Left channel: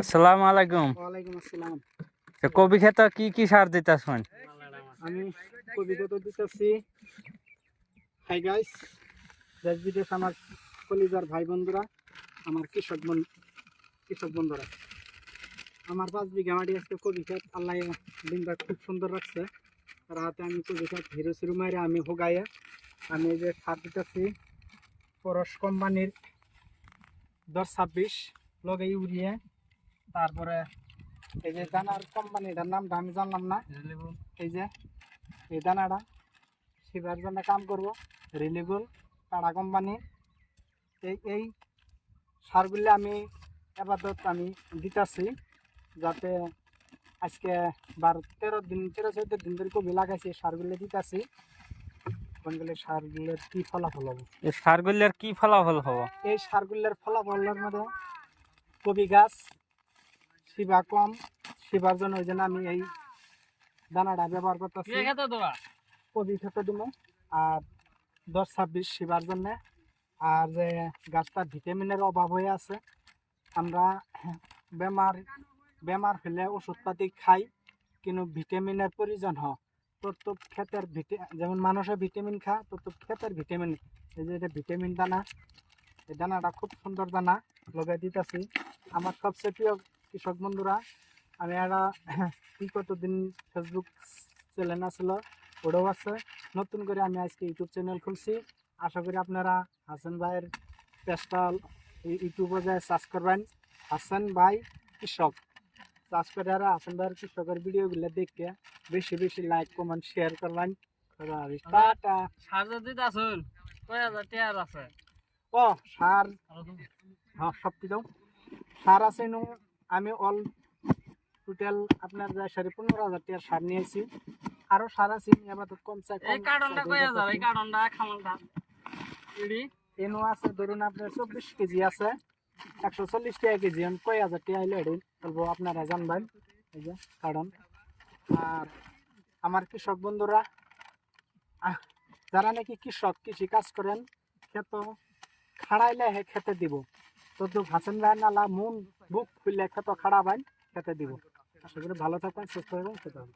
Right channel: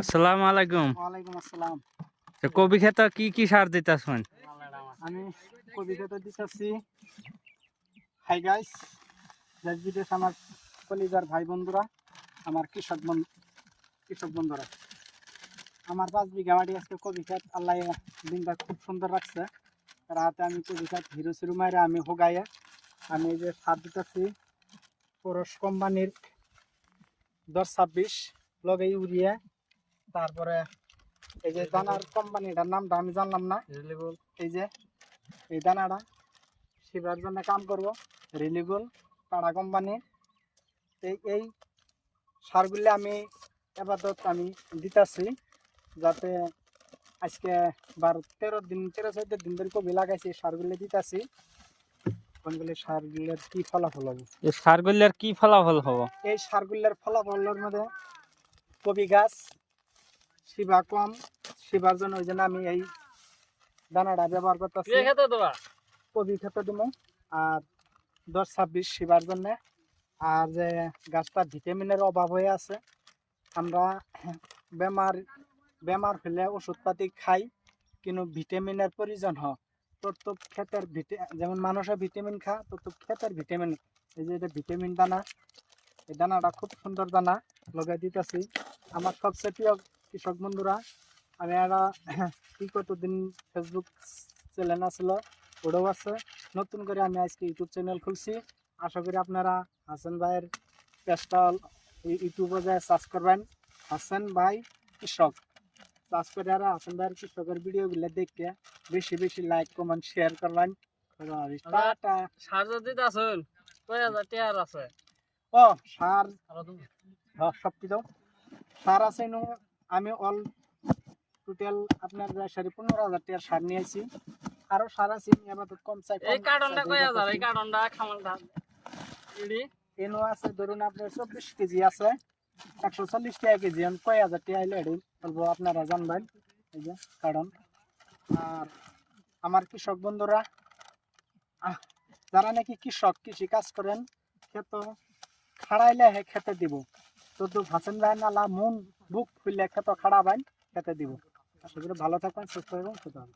আসসালামু আলাইকুম। ওয়ালাইকুম আসসালাম। কবি ক্ষেতে কি কি সার দিতেছেন? আমি কবিতা দিতেছি। হাই গাইস, দেশ বিদেশ আমার কলিজার ভাই বন্ধুরা, আমার কৃষক বন্ধুরা, আমার 5 বিঘা মাটি আজকে কবি ক্ষেত। আল্লাহ দিনটা খুব সুন্দর রাখছে। রাতে আমি কবি ক্ষেত হিরো সিরু মাইরে আমি হোগাইয়া আমি এই যে সার দিতেছি পরশ কোম্পানির 10-26 লগে ইউরিয়া। তারপরে এই যে দানার কোম্পানিটার নামটা আমি জানলাম না। এই যে এই দানাটা শিবার জন্য কাম করবো, রিলিবল টাটা কোম্পানি। এই সারগুলি আমি আপাতত আমি দিতেছি, যাতে আজকে 12-13 দিন ধরে কবি লাগাইছি। সারগুলি দিতেছি, কোনগুলি সারগুলির কি ফলাফল হবে। এই সারগুলির কি ফলাফল হবো? এই সারগুলির ফলাফলের মধ্যে কবি গাছ শিবা কম, শিবার জন্য ওই জন্য আমি এই দানাটা ব্যবহার করতেছি। কবি খেতে দিব আর 10-26 শিবার জন্য। আর যে গাছটা ভিটামিনের অভাব হয়ে আছে, আমরা বেমার হলে ওষুধপাতি খাই, কিন্তু ভিটামিনের প্রয়োজন হয়। তো ক্ষেতের যেমন মানুষের ভিটামিন খা, তো ক্ষেতের ভিটামিন। এই যে এটা ভিটামিন দানা, এই দানাটা খুব সুন্দর দানা লগাই দিতেছি। আমার সবচেয়ে প্রিয় কৃষক বন্ধুরা, আমি একটা কতদিন ফেসবুক চ্যানেল আছিল, ওটাও আছে। নতুন করে আমি আজকে ইউটিউব চ্যানেল খুলছি। আশা করি আপনারা হাসান ভাইয়ের পেজটা ইউটিউবে যায় সার্চ করবেন, হাসান ভাই কৃষক। সার্চ করে আর হাসান ভাইয়ের কৃষকের ভিডিওগুলো দেখে বেশি বেশি লাইক কমেন্ট শেয়ার করবেন। সার যদি দিতেছেন কয় হাজার টাকার আছে? ও সার সব কিছু সার আছে। আমি অল টোটাল আপনার 15,000 টাকার সার নিয়েছি। আরো সার আছে আবার কম চাই। এই কার্টনটা কয় হাজার? এই কার্টনটা খামালটা এনো আছে ধরুন আপনার 24 কেজি আছে, 140 টাকা কেজি। কয় হাজার টাকা আইলে এটি বলবো, আপনারা জানবেন। এই যে কারণ আর আমার কৃষক বন্ধুরা, যারা নাকি কৃষি কাজ করেন, ক্ষেত খাড়াইলে খেতে দিব। তো ভাসেন ভাই নালা মন বুক খুললে ক্ষেত খাড়াবেন, খেতে দিব। আশা করি ভালো থাকবেন, সুস্থ থাকবেন, খেতে হবে।